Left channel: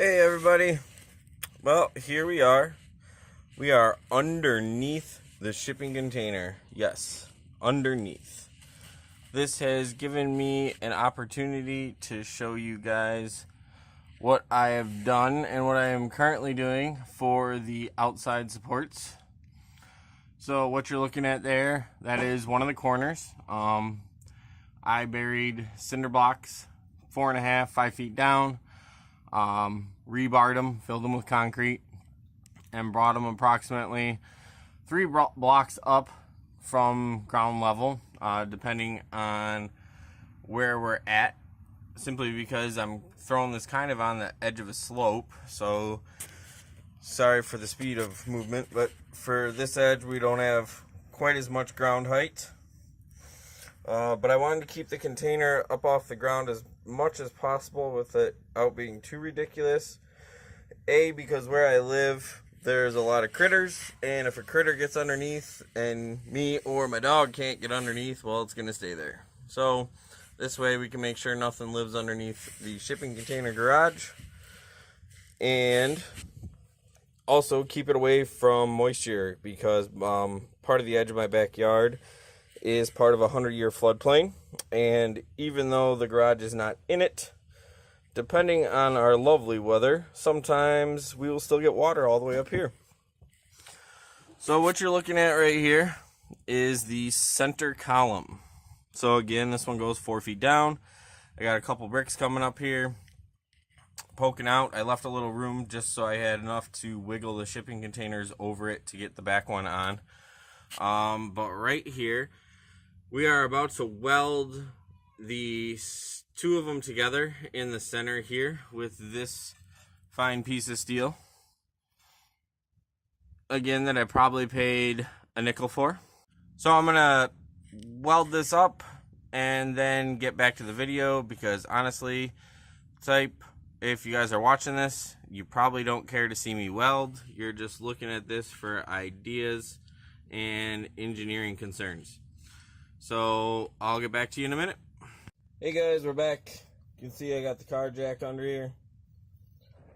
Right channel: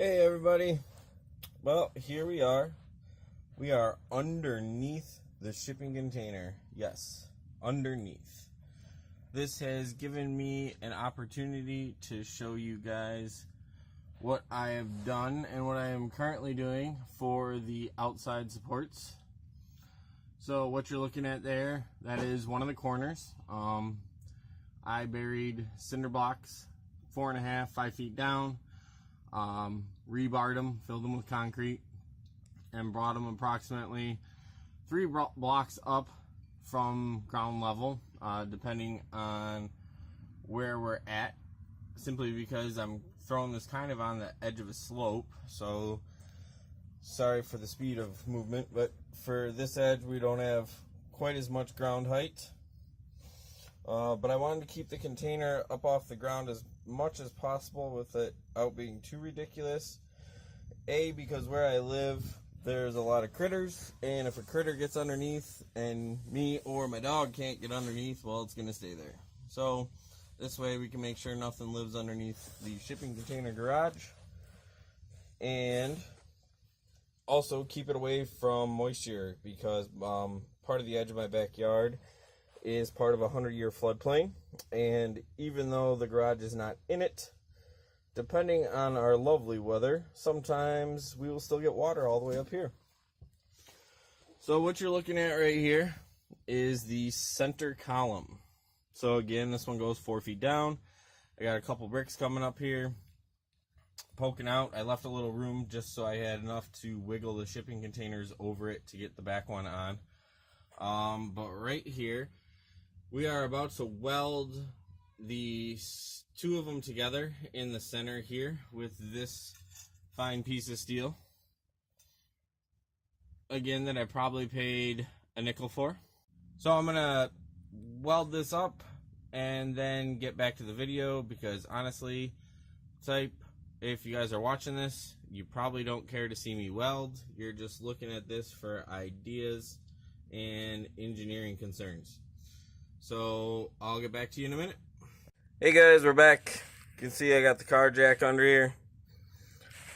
Hey everybody, well here we are. We are underneath the shipping container. Yes, underneath. This has given me an opportunity to show you guys what I have done and what I am currently doing for the outside supports. So what you're looking at there, that is one of the corners. I buried cinder blocks 4.5, 5 feet down. Rebarred them, filled them with concrete, and brought them approximately 3 blocks up from ground level, depending on where we're at, simply because I'm throwing this kind of on the edge of a slope. So sorry for the speed of movement, but for this edge we don't have quite as much ground height. But I wanted to keep the container up off the ground as much as possible without being too ridiculous. A, because where I live there's a lot of critters, and if a critter gets underneath and me or my dog can't get underneath, well, it's gonna stay there. So this way we can make sure nothing lives underneath the shipping container garage, and also keep it away from moisture, because part of the edge of my backyard is part of a 100-year floodplain, and even though the garage is not in it, depending on our lovely weather, sometimes we will still get water all the way up here. So what you're looking at right here is the center column. So again, this one goes 4 feet down. I got a couple bricks coming up here, poking out. I left a little room just so I had enough to wiggle the shipping containers over it to get the back one on. But right here, we are about to weld the 2 of them together in the center here with this fine piece of steel. Again, that I probably paid a nickel for. So I'm gonna weld this up and then get back to the video, because honestly, if you guys are watching this, you probably don't care to see me weld. You're just looking at this for ideas and engineering concerns. So I'll get back to you in a minute. Hey guys, we're back. You can see I got the car jack under here.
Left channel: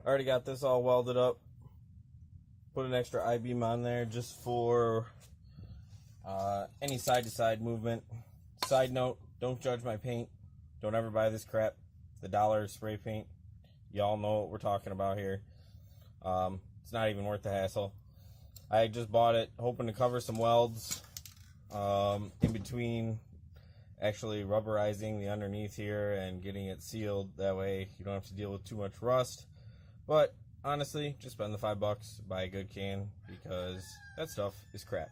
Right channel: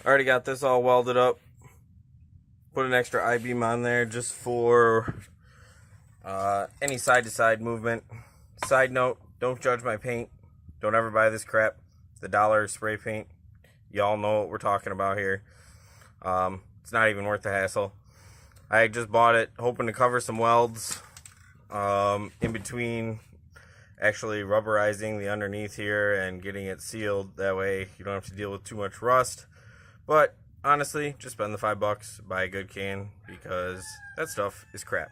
Already got this all welded up. Put an extra I-beam on there just for any side-to-side movement. Side note, don't judge my paint. Don't ever buy this crap. The dollar spray paint. Y'all know what we're talking about here. It's not even worth the hassle. I just bought it hoping to cover some welds in between actually rubberizing the underneath here and getting it sealed. That way you don't have to deal with too much rust. But honestly, just spend the $5, buy a good can, because that stuff is crap.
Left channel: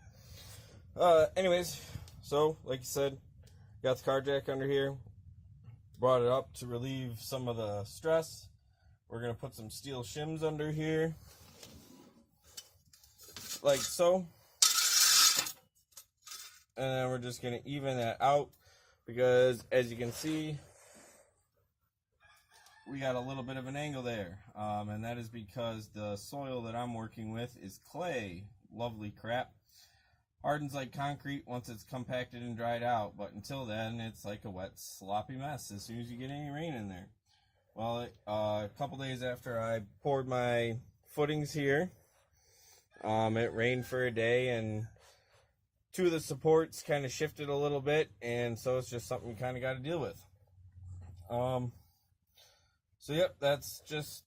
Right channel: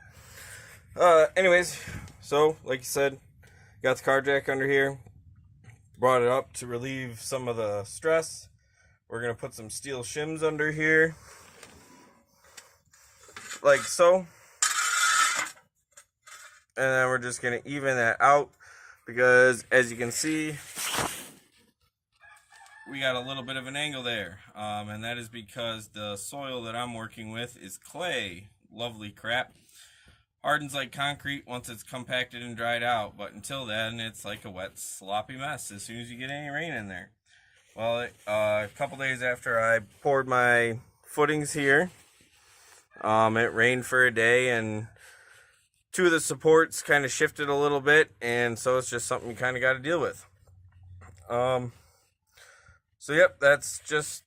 Anyways, so like you said, got the car jack under here, brought it up to relieve some of the stress. We're gonna put some steel shims under here like so, and then we're just gonna even that out, because as you can see, we got a little bit of an angle there, and that is because the soil that I'm working with is clay. Lovely crap. Hardens like concrete once it's compacted and dried out, but until then it's like a wet sloppy mess as soon as you get any rain in there. Well, a couple days after I poured my footings here, it rained for a day, and 2 of the supports kind of shifted a little bit, and so it's just something you kind of got to deal with. So yep, that's just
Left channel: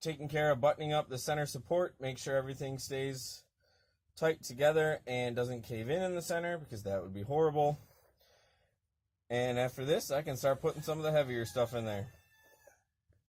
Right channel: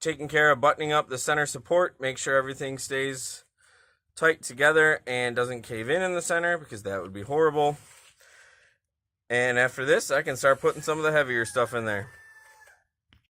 taking care of buttoning up the center support. Make sure everything stays tight together and doesn't cave in the center, because that would be horrible. And after this, I can start putting some of the heavier stuff in there.